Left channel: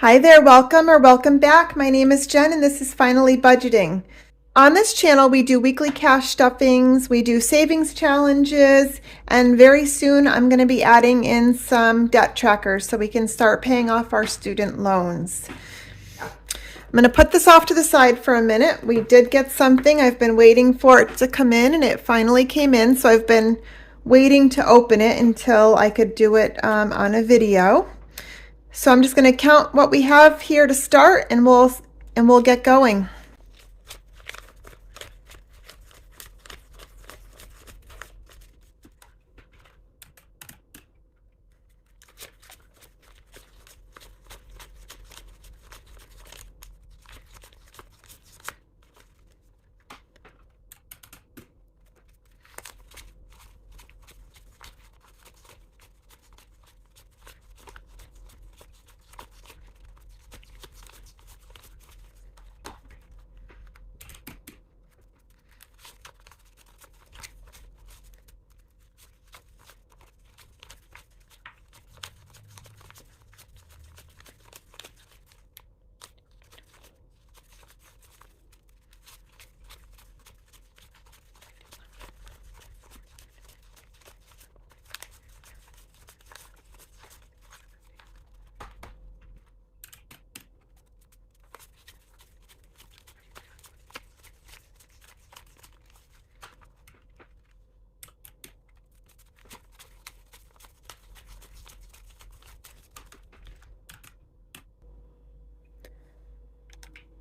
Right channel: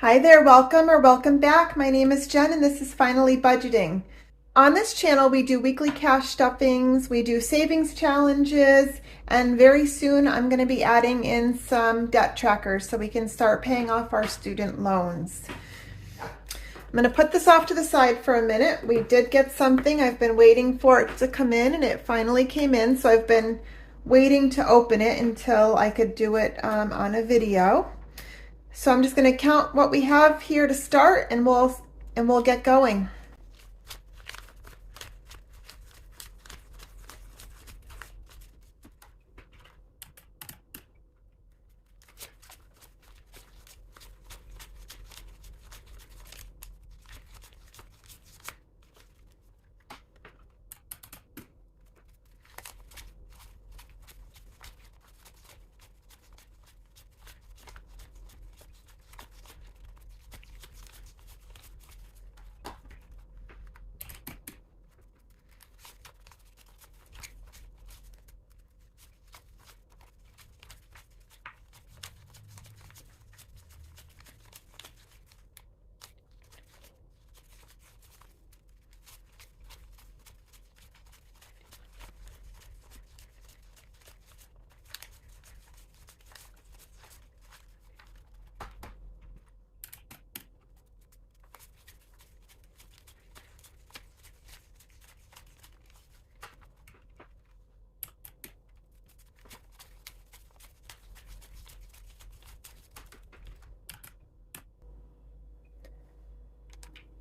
Hi there, welcome or welcome back. My name is Jen and this is Finally Budgeting. On this channel, we do weekly cash stuffings, we do savings challenges, and very soon I'm going to be adding in some debt trackers so we can start paying off our student loans. I'm going to put this off to the side for a minute. We did get something. I've been waiting for it to come in and it finally came in, so I've been waiting to open it until I could do it on a video. So I'm just going to count what we have here to start and we'll get going.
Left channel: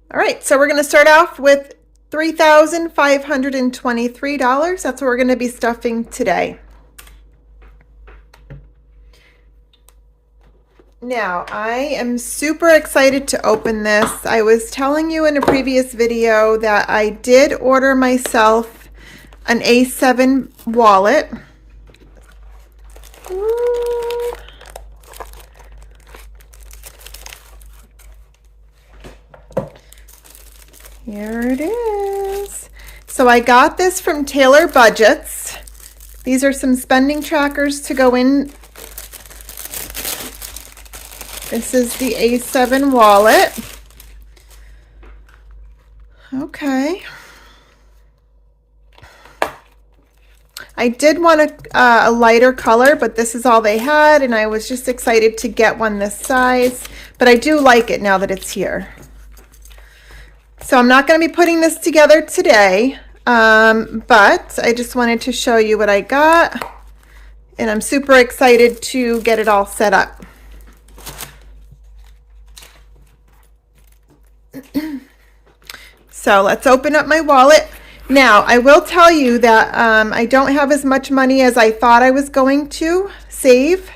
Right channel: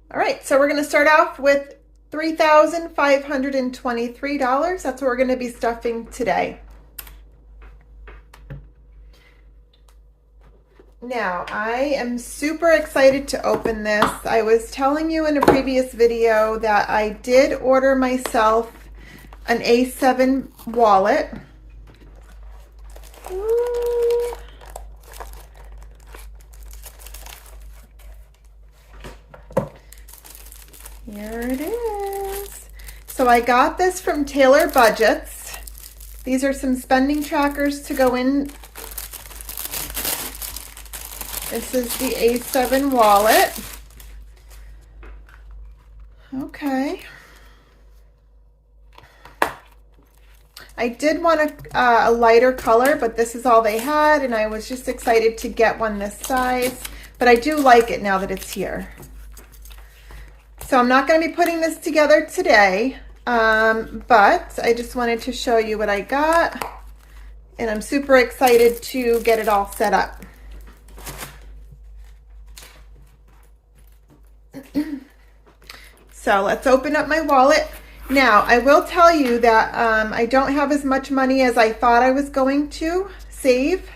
All right, so we're going to start off with $3,523. That's what we're going to be stuffing today. Now, I am super excited to open this. I was telling you in a previous video that I did order myself an A7 wallet. Here it is. So I got this from Taylor Budgets. These are some spending trackers to go in. This is the A7 wallet. Okay. I did want a lighter color, but this is all they had, and I was just excited to get one this size. But I do like it now that it's here. So I'm not going to be putting this together today, but I just wanted to show you what I got, and I'm super excited to get it all set up. So let's open up my wallet. Now, I will tell you that I don't have as much money as I thought I was going to save.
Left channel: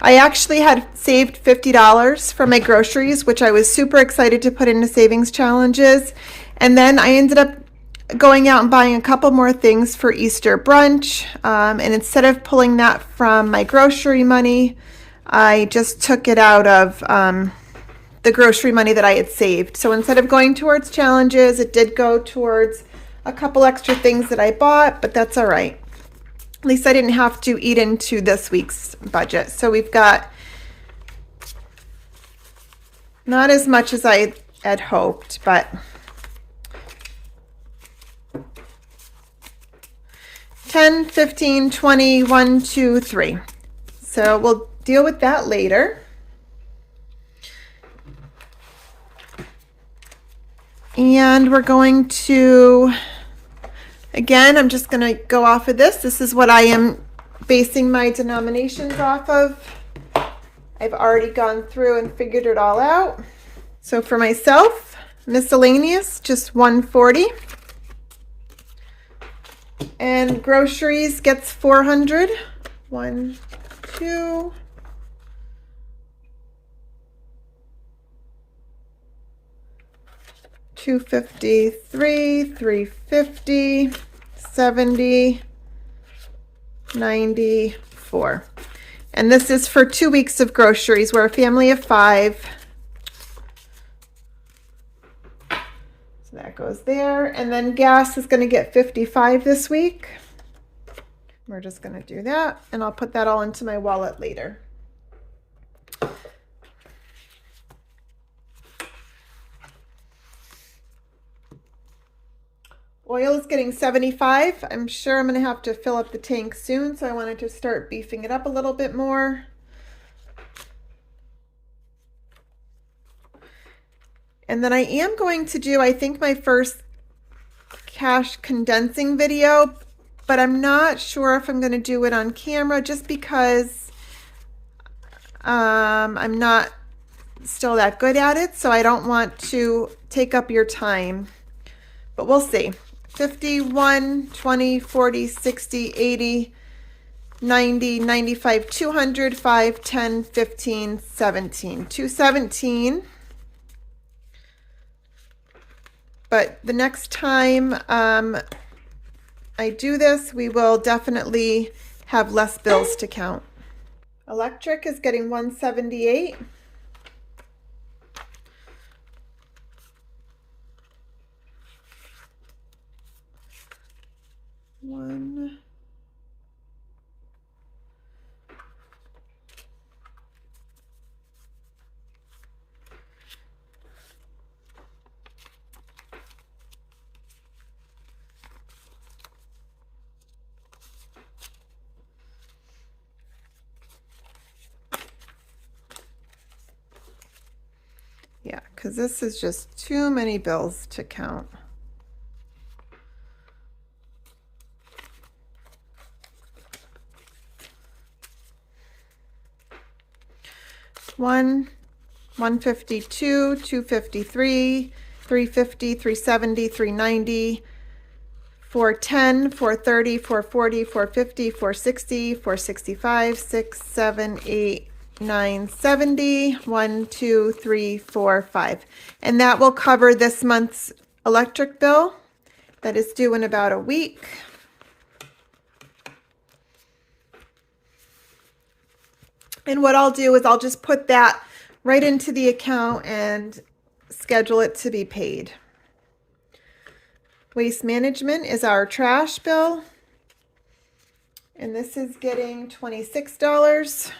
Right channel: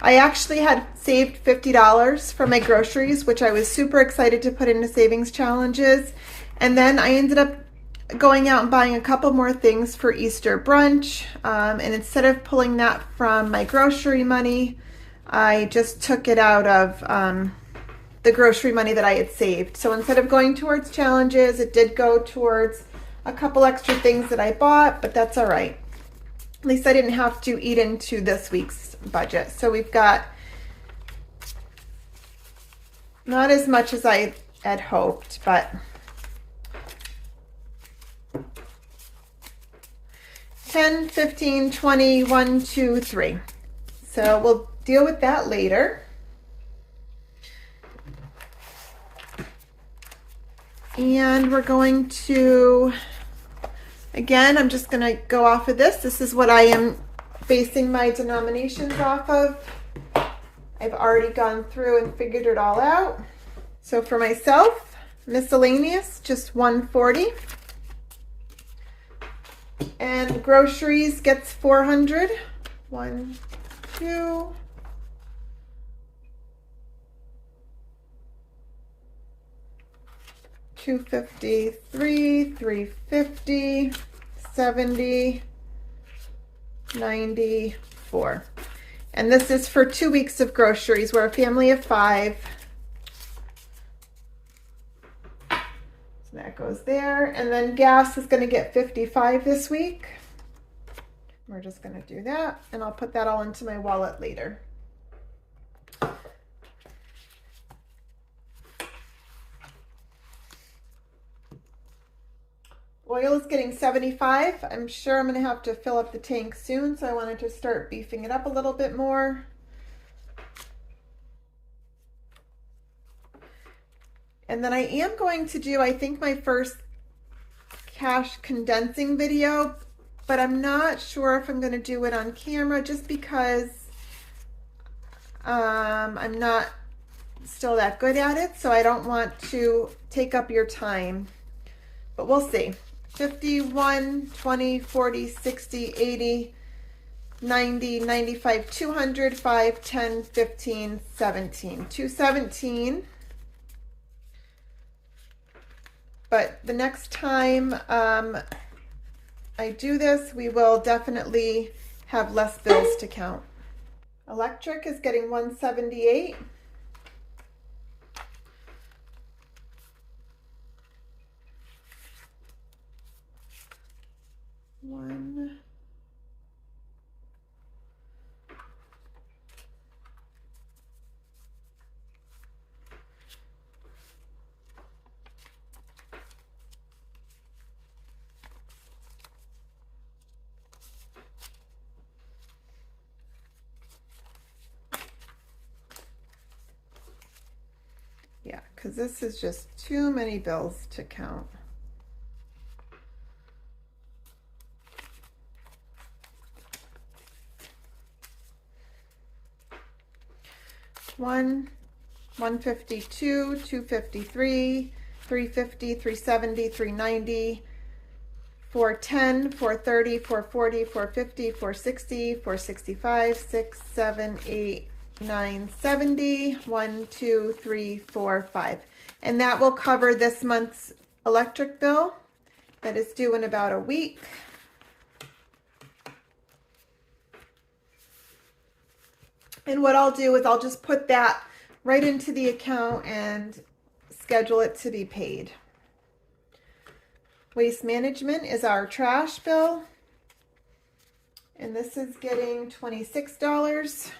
I actually had saved $50 for my groceries, which I was super excited to put into savings challenges. And then I ended up going out and buying a couple more things for Easter brunch. And instead of pulling that from my grocery money, I just took it out of the grocery money that I had saved. So instead of going towards challenges, it did go towards a couple extra things that I bought, but that's all right. At least I didn't have to eat into this week's budget. So we've got not as much as I had hoped, but 10, 15, 20, 1, 2, 3. So we'll deal with that later. And we're going to, again, I'm just going to go off of this. This is what I am basing my denominations off of. I've already gone through and figured it all out. So for myself, miscellaneous, just $140. And groceries gets $400. 1, 2, 250, 350, 70, 94. And this is for 2 weeks of groceries. We're a family of 5. So that goes there. And then gas is going to get 55 this week. We're just going to do that, and I'll put that all into my wallet later. Oil is getting 75. I'm sure I'm going to have to fill up the tank soon, so I wanted to start beefing it up a little bit more. And then I am going to do, I think, my first cash condensing video, but I'm not sure if I'm going to do it on camera just because I'm not still that good at it, so I don't want to take up your time. But we'll see. 51, 20, 40, 60, 80, 90, 95, 200, 5, 10, 15, 17. 217. But the next time I do this, we will definitely have less bills to count. Electric is getting 178. One. Yeah, because this is just too many bills to count. One, 152, 253, 350, 370, 390, 410, 430, 440, 450, 460, 465, 6, 7, 8, 9, 70, 1, 2, 3, 4, 5. And that will cover this month's electric bill that is due in about a week. And what I'll do is I'll just put that right into the account and schedule it to be paid. Waste management is our trash bill. And this is getting $26.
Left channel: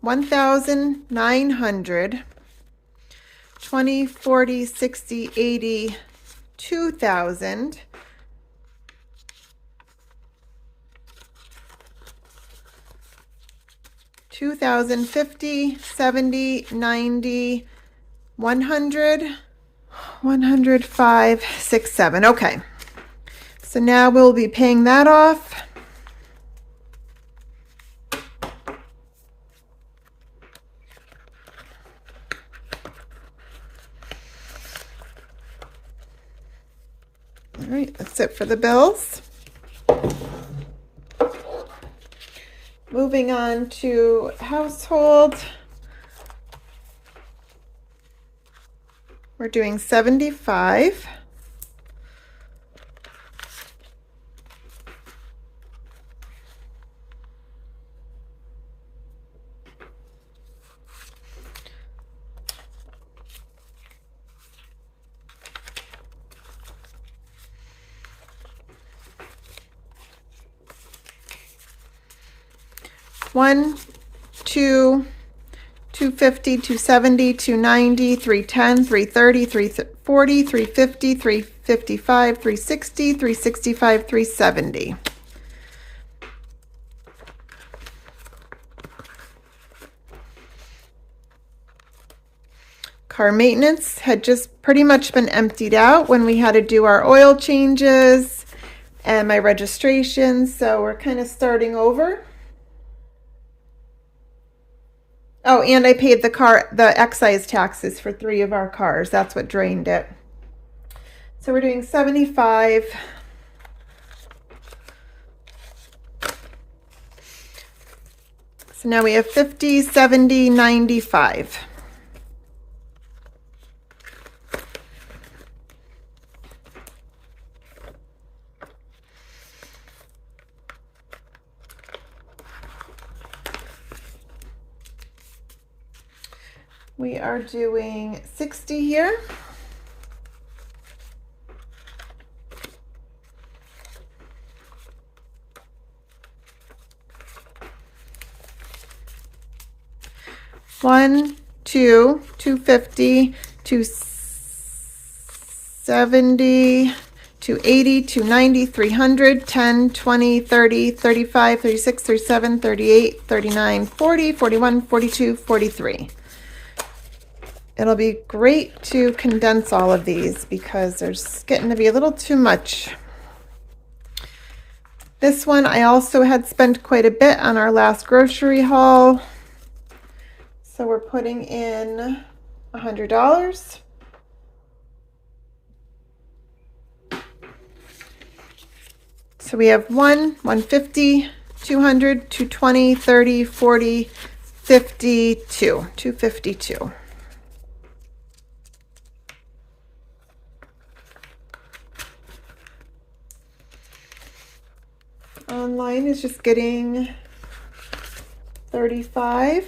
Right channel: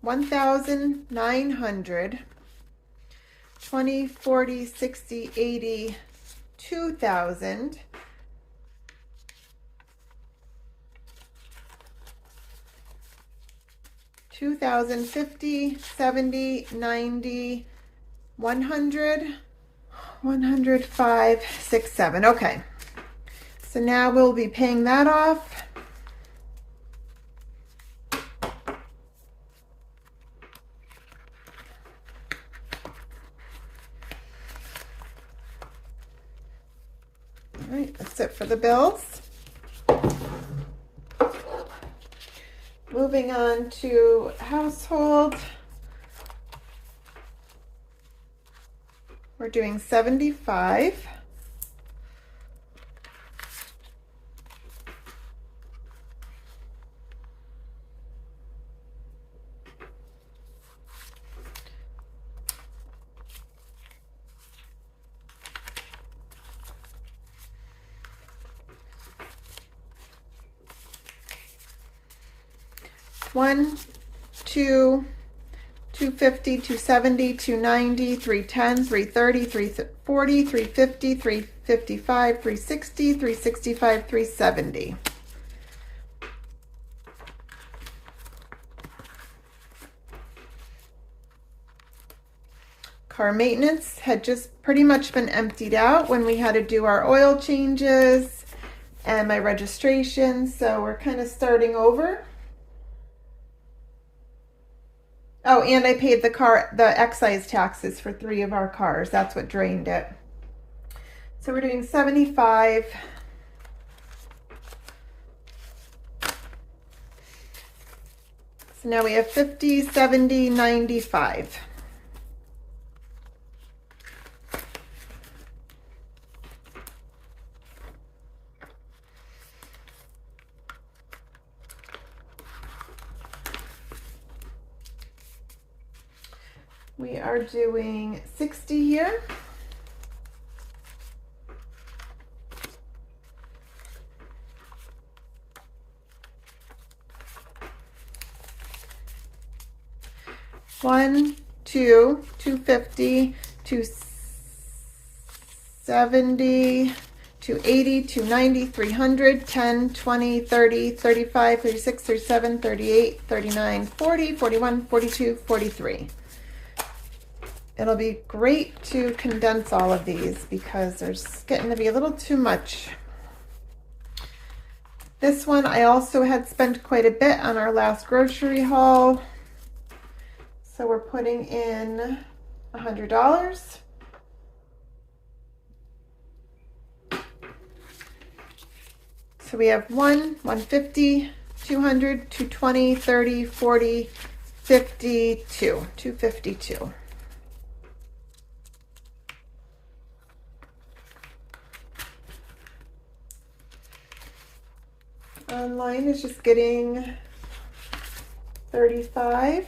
1,900, 20, 40, 60, 80, 2,000, 2,050, 70, 90, 100, 105, 6, 7. Okay. So now we'll be paying that off. All right, that's it for the bills. Moving on to household. We're doing 75. One, two, 250, 270, 290, 310, 330, 340, 350, 355, 360, 365, 370. Car maintenance had just pretty much been emptied out when we had to do our oil changes and my registration, so we're kind of starting over. Oh, and I paid the excise taxes for 3 of our cars. That's what drained it. So we're doing 75. So now we have 50, 70, 95. We are doing 60 here. One, two, 250, 270, 280, 290, 300, 10, 20, 30, 35, 36, 37, 38, 39, 40, 41, 42, 43. It'll be great to condense all of these because there's getting to be a little too much. This one I also had spent quite a bit on our last grocery haul. So we're putting in $100. So we have 150, 200, 220, 30, 40, 52, 252. Online is just getting 35.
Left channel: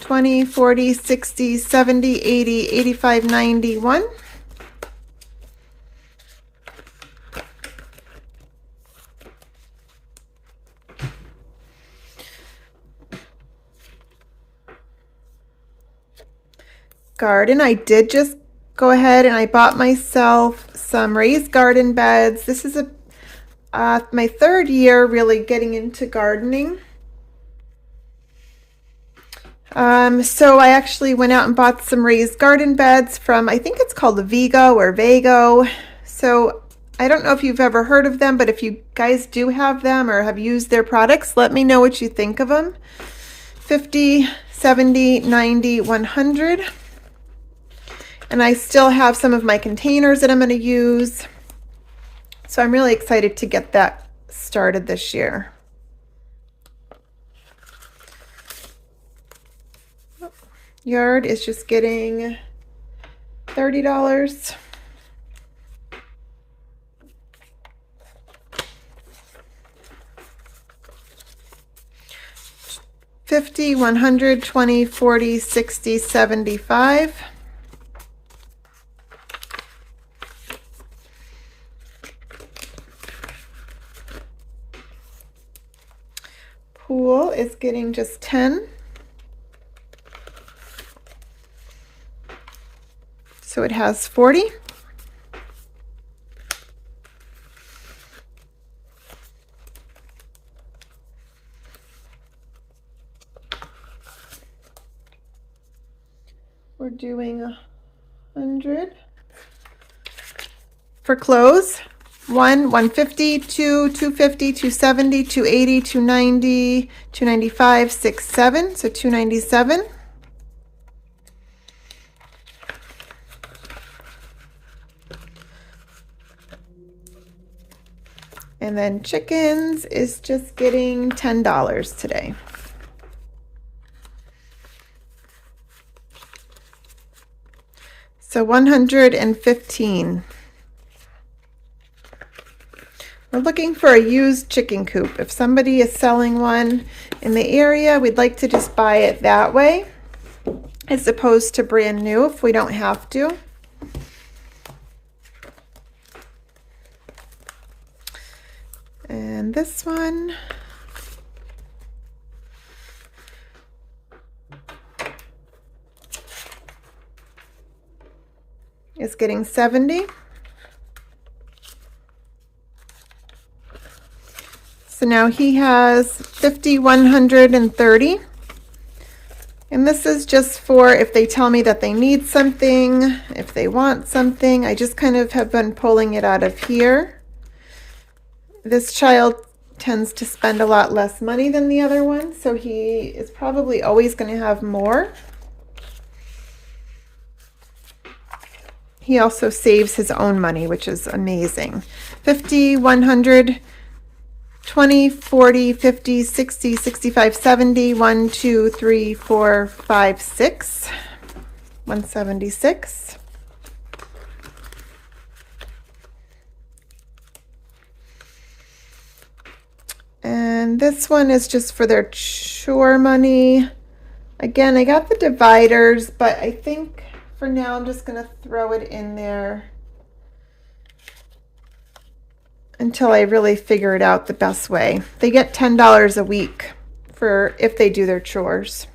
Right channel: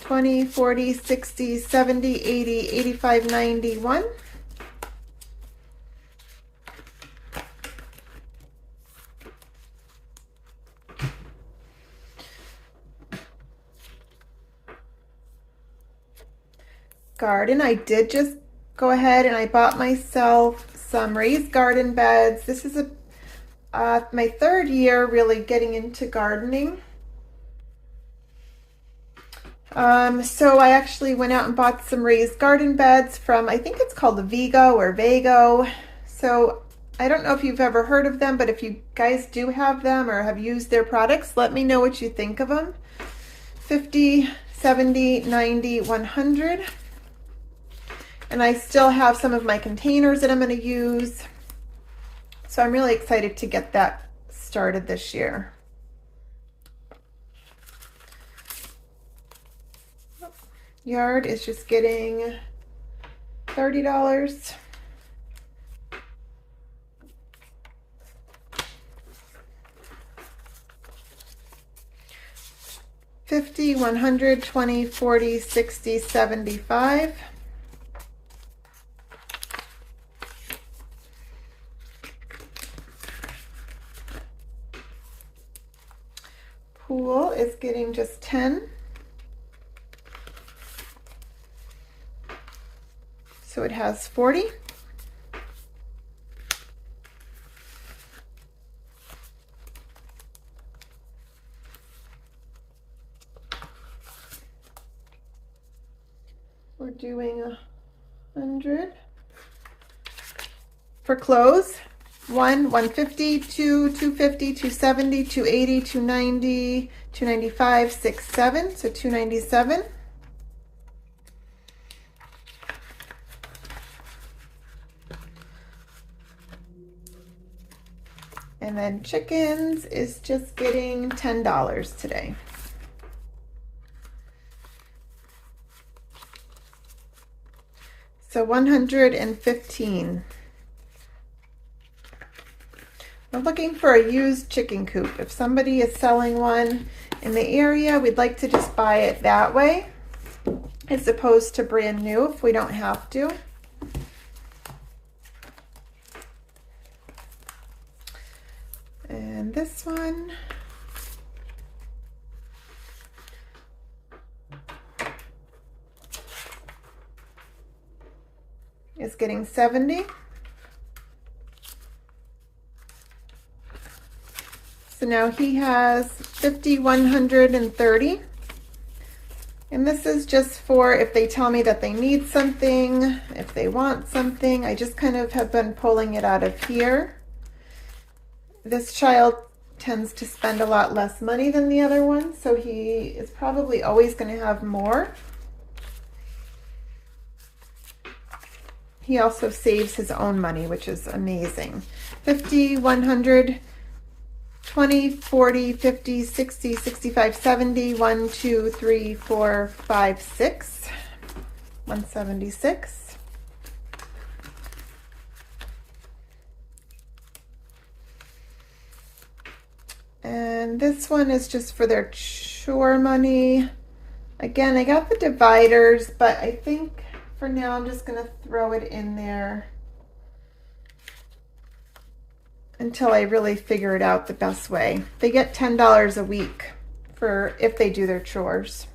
$20, $40, $60, $70, $80, $85, $91. Garden, I did just go ahead and I bought myself some raised garden beds. This is my 3rd year really getting into gardening. So I actually went out and bought some raised garden beds from, I think it's called Vigo or Vago. So I don't know if you've ever heard of them, but if you guys do have them or have used their products, let me know what you think of them. 50, 70, 90, 100. And I still have some of my containers that I'm going to use. So I'm really excited to get that started this year. Yard is just getting $30. $50, $100, $20, $40, $60, $75. Pool is getting just 10. So it has 40. We're doing 100. For clothes, 150, 250, 270, 280, 290, 295, 6, 7. So 297. And then chickens is just getting $10 today. So 115. We're looking for a used chicken coop. If somebody is selling one in the area, we'd like to just buy it that way, as opposed to brand new if we don't have to. And this one is getting 70. So now he has 50, 130. And this is just for if they tell me that they need something, if they want something. I just kind of have been pulling it out of here. This child tends to spend a lot less money than the other one, so he is probably always going to have more. He also saves his own money, which is amazing. 50, 100, 20, 40, 50, 60, 65, 70, 1, 2, 3, 4, 5, 6, 176. And this one is just for their chore money. Again, I got the dividers, but I think for now I'm just going to throw it in there until I really figure it out the best way. They get $10 a week for if they do their chores.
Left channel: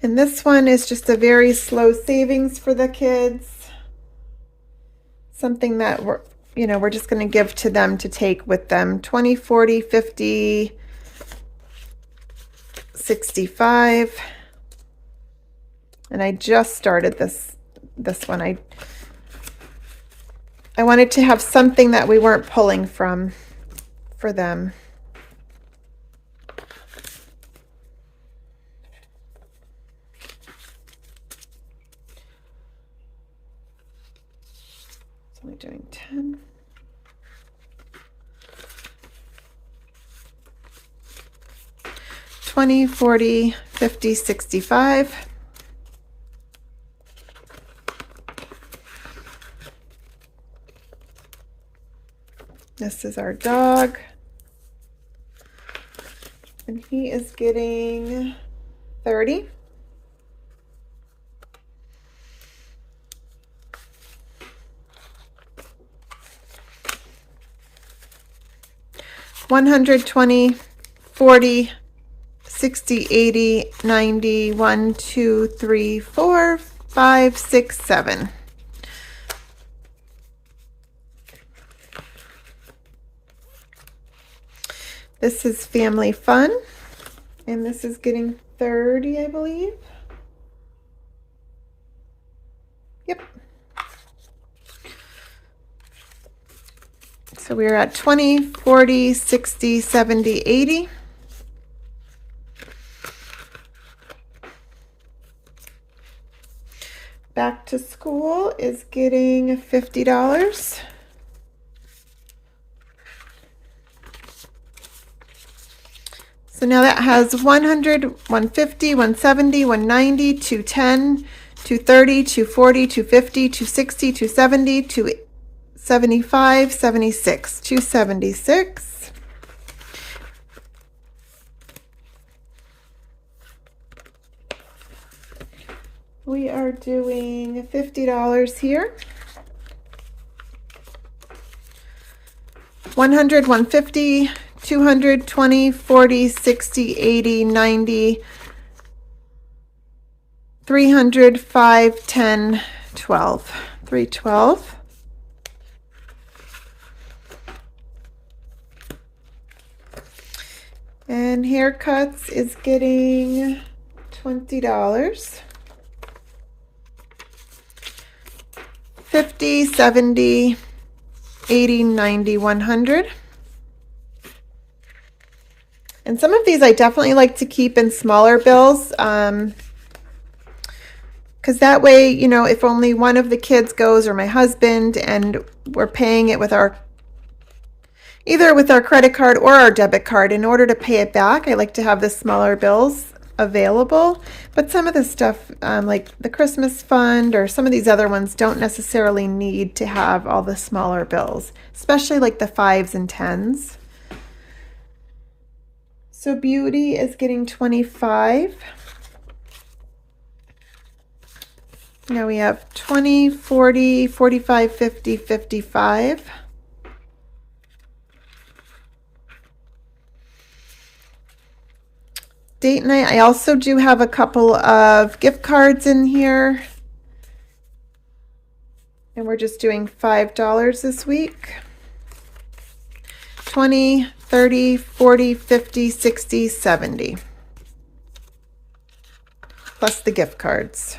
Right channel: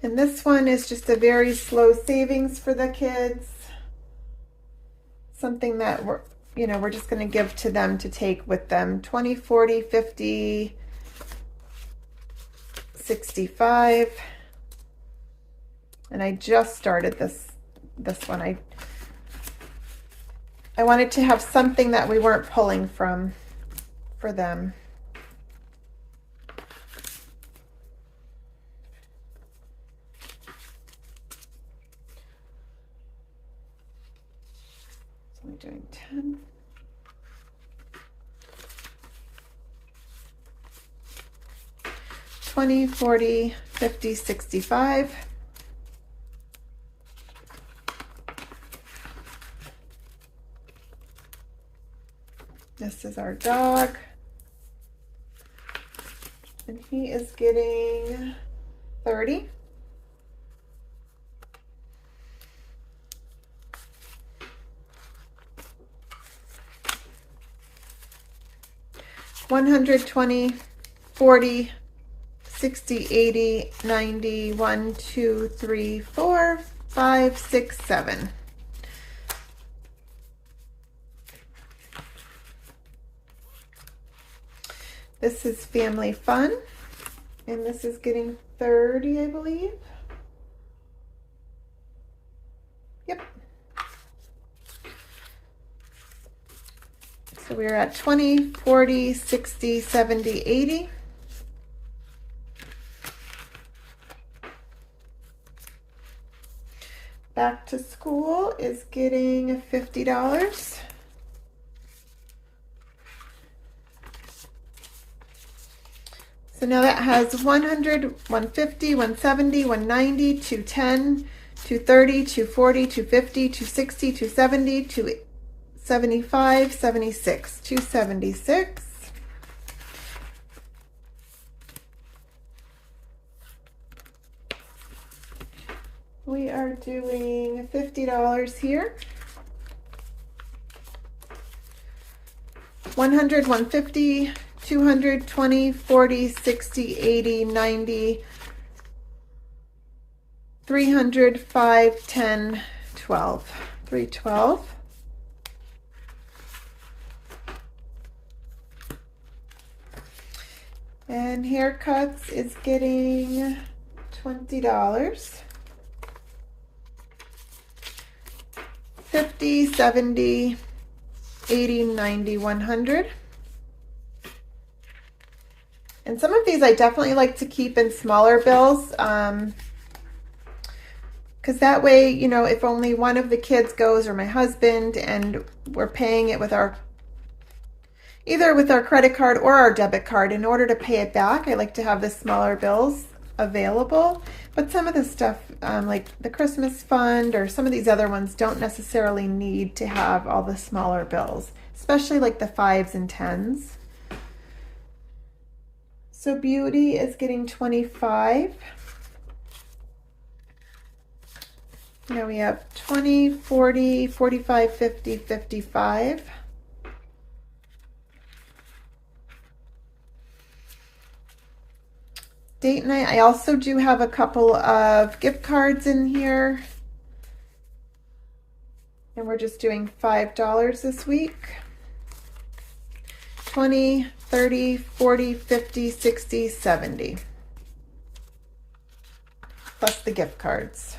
And this one is just a very slow savings for the kids. Something that we're just going to give to them to take with them. 20, 40, 50, 65. And I just started this one. I wanted to have something that we weren't pulling from for them. So we're doing 10. $20, $40, $50, $65. This is our dog. And he is getting 30. $120, $40, 60, 80, 90, 1, 2, 3, 4, 5, 6, 7. This is Family Fun, and this is getting 30, I believe. Yep. So we're at 20, 40, 60, 70, 80. Back to School is getting $50. So now that has 100, 150, 170, 190, 210, 230, 240, 250, 260, 270, 275, 76, 276. We are doing $50 here. 100, 150, 200, 20, 40, 60, 80, 90, 300, 5, 10, 12. 312. And haircuts is getting $20. 50, 70, 80, 90, 100. And some of these I definitely like to keep in smaller bills, because that way, you know, if only one of the kids goes or my husband, and we're paying it with our, either with our credit card or our debit card, in order to pay it back, I like to have the smaller bills available. But some of the stuff, like the Christmas fund or some of these other ones, don't necessarily need to have all the smaller bills, especially like the 5s and 10s. So beauty is getting 25. Now we have 20, 40, 45, 50, 55. Date night, I also do have a couple of gift cards in here. And we're just doing $5 this week. 20, 30, 40, 50, 60, 70. Plus the gift cards.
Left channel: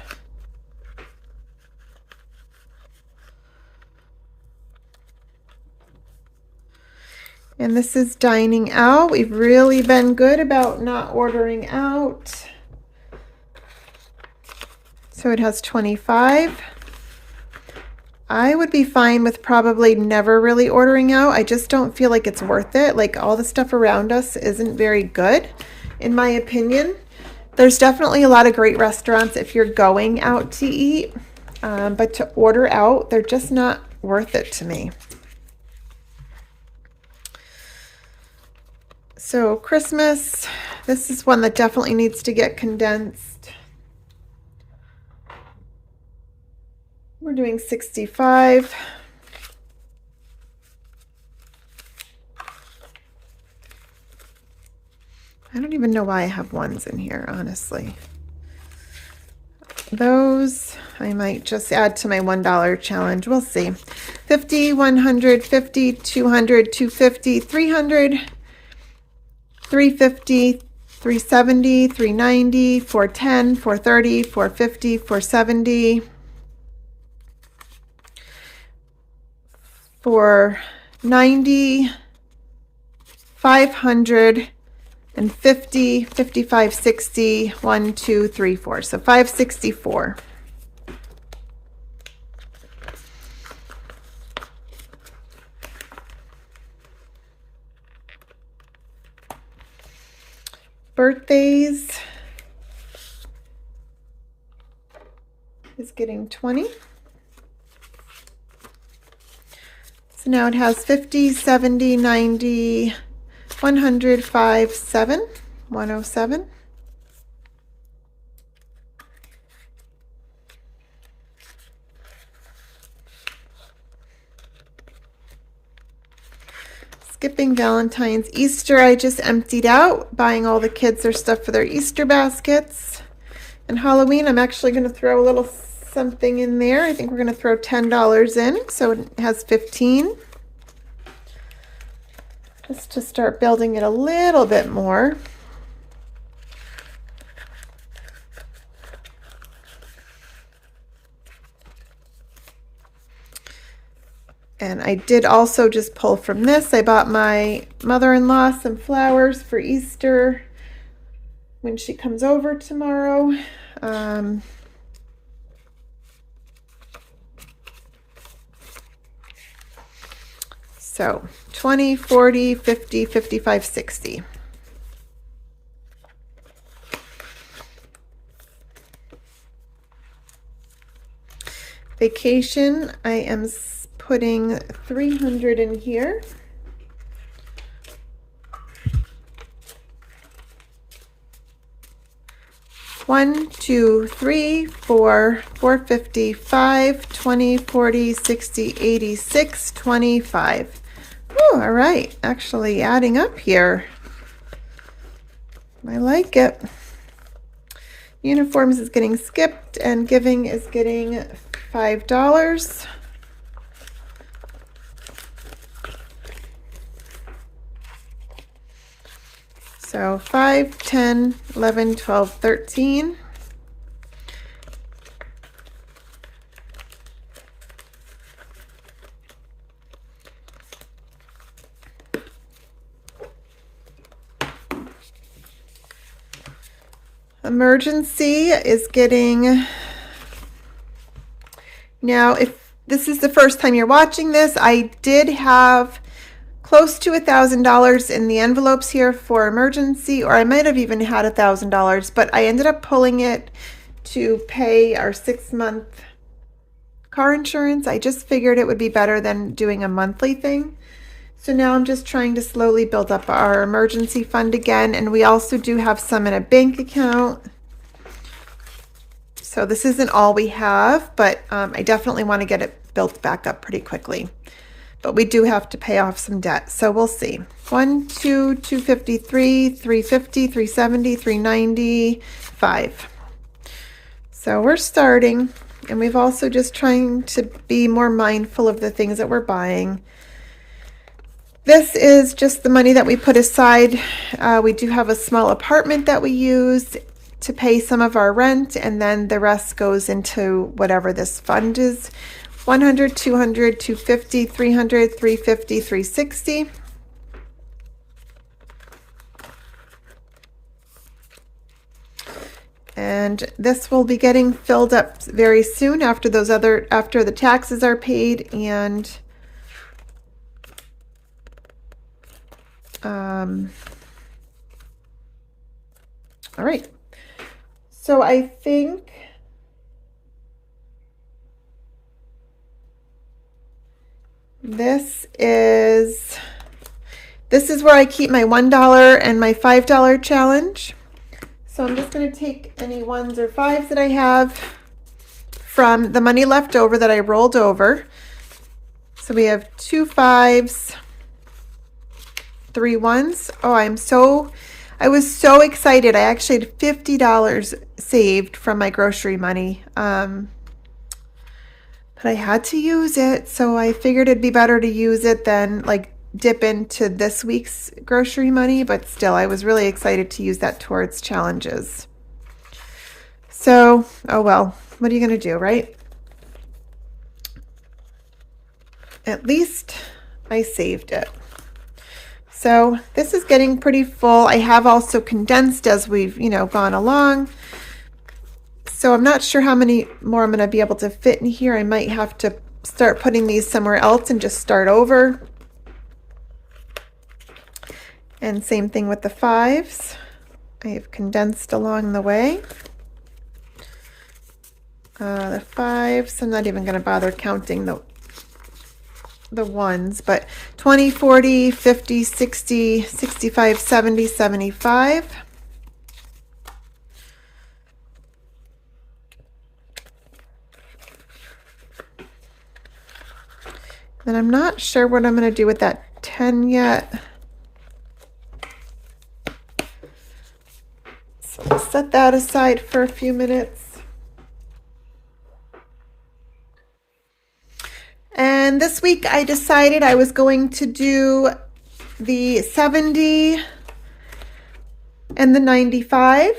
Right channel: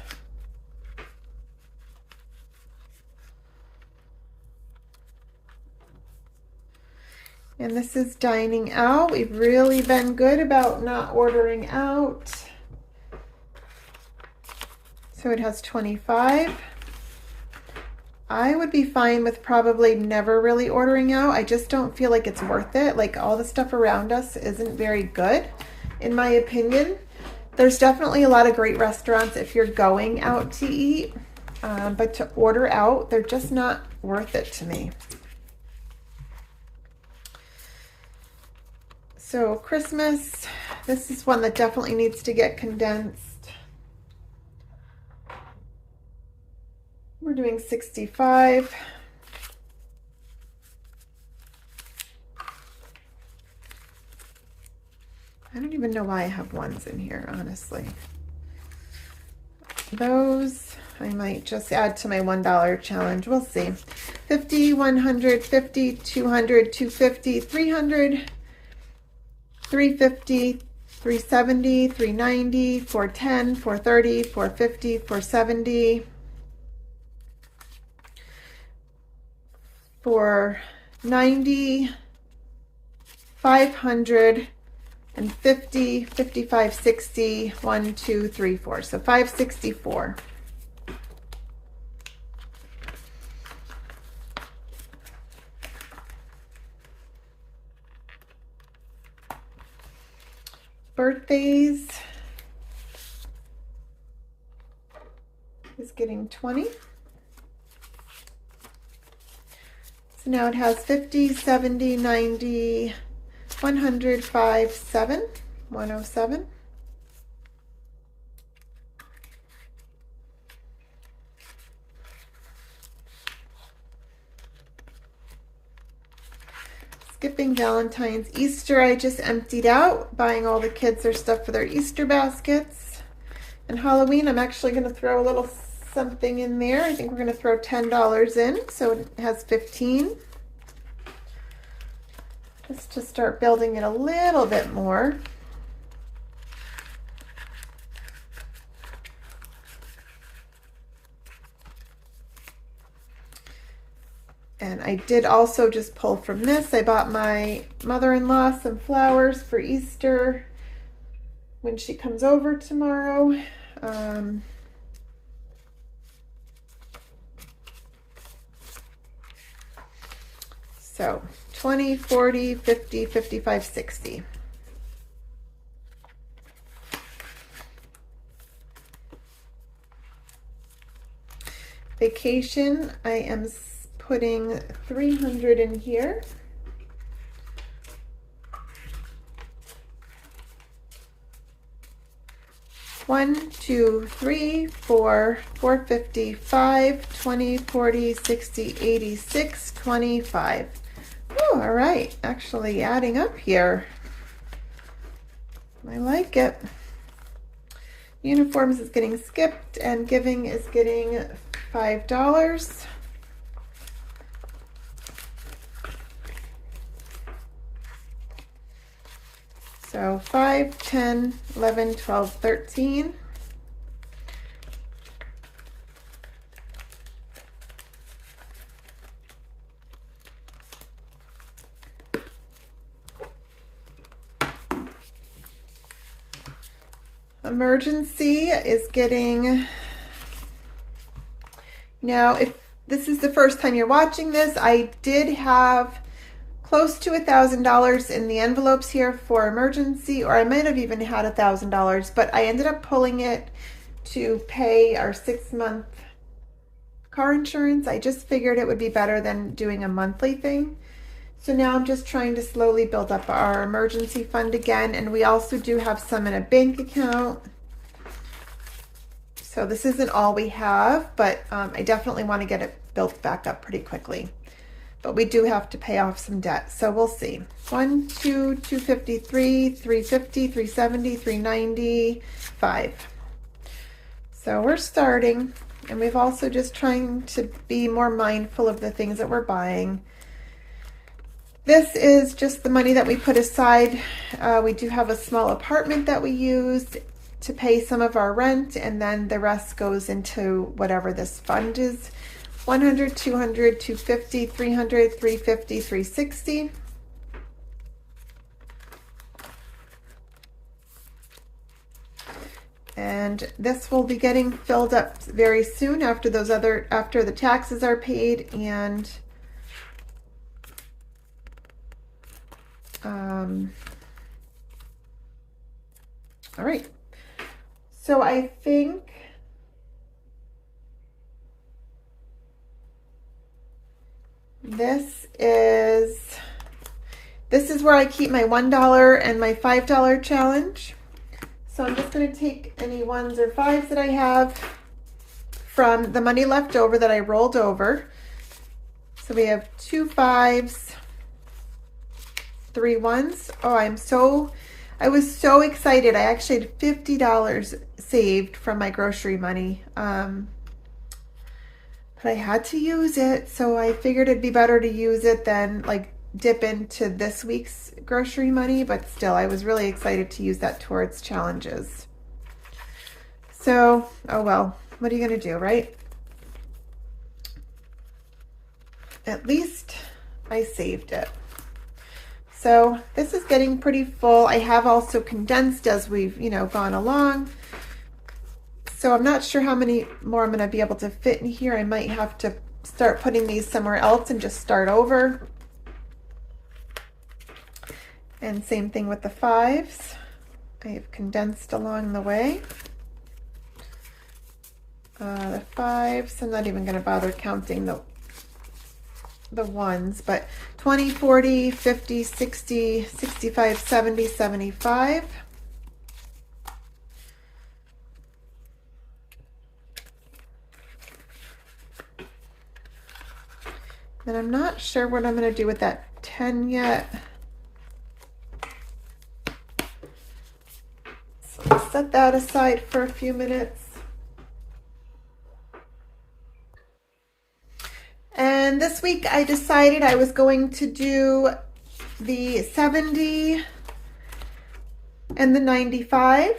And this is dining out. We've really been good about not ordering out. So it has 25. I would be fine with probably never really ordering out. I just don't feel like it's worth it. Like, all the stuff around us isn't very good, in my opinion. There's definitely a lot of great restaurants if you're going out to eat, but to order out, they're just not worth it to me. So Christmas, this is one that definitely needs to get condensed. We're doing 65. I don't even know why I have ones in here, honestly. Those I might just add to my $1 challenge. We'll see. 50, 100, 50, 200, 250, 300, 350, 370, 390, 410, 430, 450, 470, 490, 500, and 50, 55, 60, 1, 2, 3, 4. So 564. Birthdays is getting 20. So now it has 50, 70, 90, 100, 5, 7, 107. Skipping Valentine's. Easter, I just emptied out, buying all the kids their stuff for their Easter baskets. And Halloween, I'm actually going to throw a little something in there. I think we're going to throw $10 in, so it has 15. Just to start building it a little bit more. And I did also just pull from this. I bought my mother-in-law some flowers for Easter when she comes over tomorrow. So 20, 40, 50, 55, 60. Vacation, I am putting 300 in here. One, two, three, four, 450, 5, 20, 40, 60, 86, 25. Woo, Whew, all right, actually adding up here. I like it. Uniforms is getting skipped and giving is getting $5. So 5, 10, 11, 12, 13. Emergency is getting, now if this is the first time you're watching this, I did have close to $1,000 in the envelopes here for emergency, or I might have even had $1,000, but I ended up pulling it to pay our 6-month car insurance. I just figured it would be better than doing a monthly thing. So now I'm just trying to slowly build up our emergency fund again, and we also do have some in a bank account. So this isn't all we have, but I definitely want to get it built back up pretty quickly. But we do have to pay off some debt, so we'll see. 1, 2, 253, 350, 370, 390, 5. So we're starting, and we've also just trying to be more mindful of the things that we're buying. This is just the money that we put aside. We do have a small apartment that we use to pay some of our rent, and then the rest goes into whatever this fund is. 100, 200, 250, 300, 350, 360. And this will be getting filled up very soon after after the taxes are paid, and all right. So I think this is where I keep my $1 and my $5 challenge. So I'm just going to take any 1s or 5s that I have from the money left over that I rolled over. So we have 2 5s, 3 1s. Oh, I was so excited. I actually had $50 saved from my grocery money. But I had to use it, so I figured it'd be better to use it than like dip into this week's grocery money, but still I was really excited to use that towards challenges. So, oh well, what are you gonna do, right? At least I saved it. So this is getting pretty full. I have also condensed as we've, gone along. So I'm not sure how many more I'm going to be able to fit in here. I might have to start putting these somewhere else and just start over. And same thing with the 5s. I have condensed along the way. The 5s, I'm not even going to bother counting the 1s, but 20, 40, 50, 60, 65, 70, 75. And I'm not sure what I'm going to do with that 10 yet. So I'll set that aside for a few minutes. And this week I decided I was going to do the 70 and the 95.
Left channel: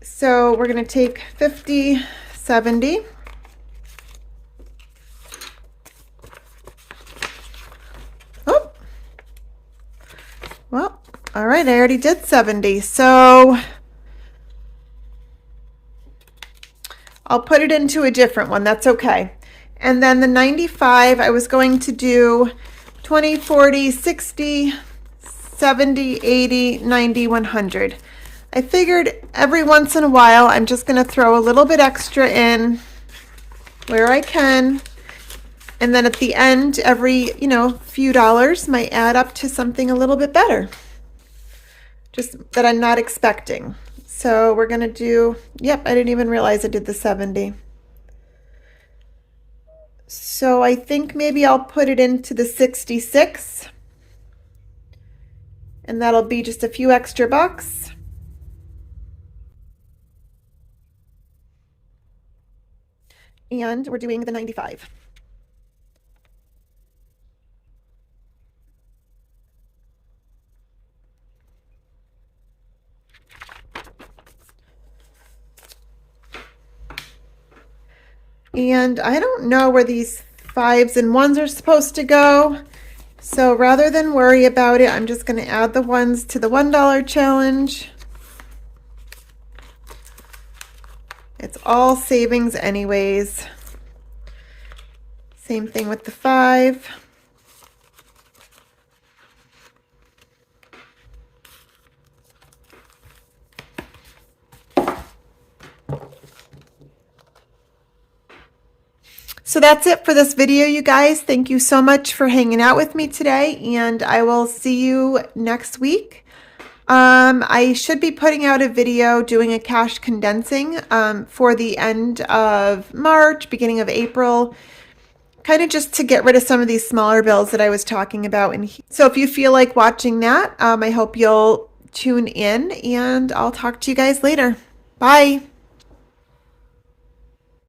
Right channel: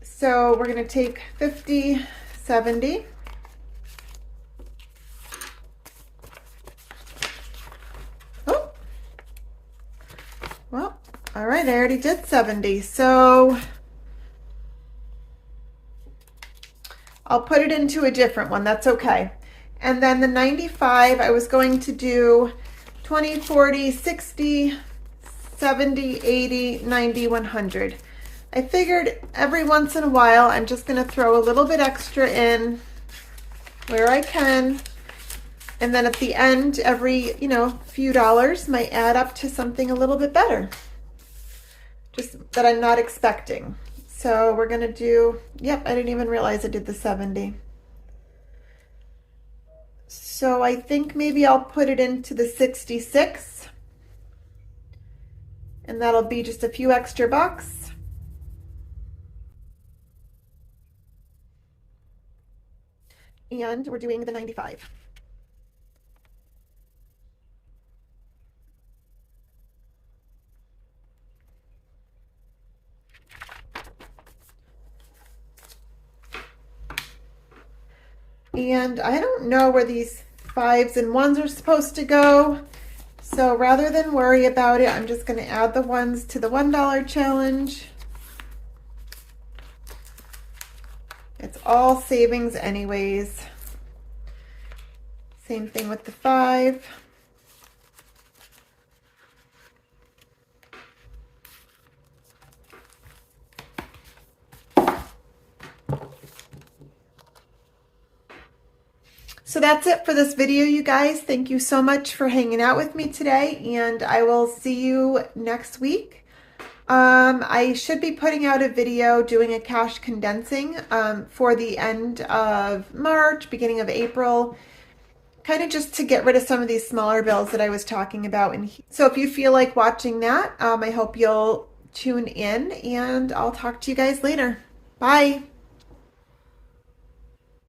So we're going to take 50, 70. Oh, well, all right, I already did 70. So I'll put it into a different one. That's okay. And then the 95, I was going to do 20, 40, 60, 70, 80, 90, 100. I figured every once in a while, I'm just going to throw a little bit extra in where I can. And then at the end, every, few dollars might add up to something a little bit better. Just that I'm not expecting. So we're going to do, yep, I didn't even realize I did the 70. So I think maybe I'll put it into the 66. and that'll be just a few extra bucks. And we're doing the 95. And I don't know where these 5s and 1s are supposed to go. So rather than worry about it, I'm just going to add the 1s to the $1 challenge. It's all savings anyways. Same thing with the 5. So that's it for this video, you guys. Thank you so much for hanging out with me today, and I will see you next week. I should be putting out a video doing a cash condensing for the end of March, beginning of April, kind of just to get rid of some of these smaller bills that I was talking about. And so if you feel like watching that, I hope you'll tune in, and I'll talk to you guys later. Bye.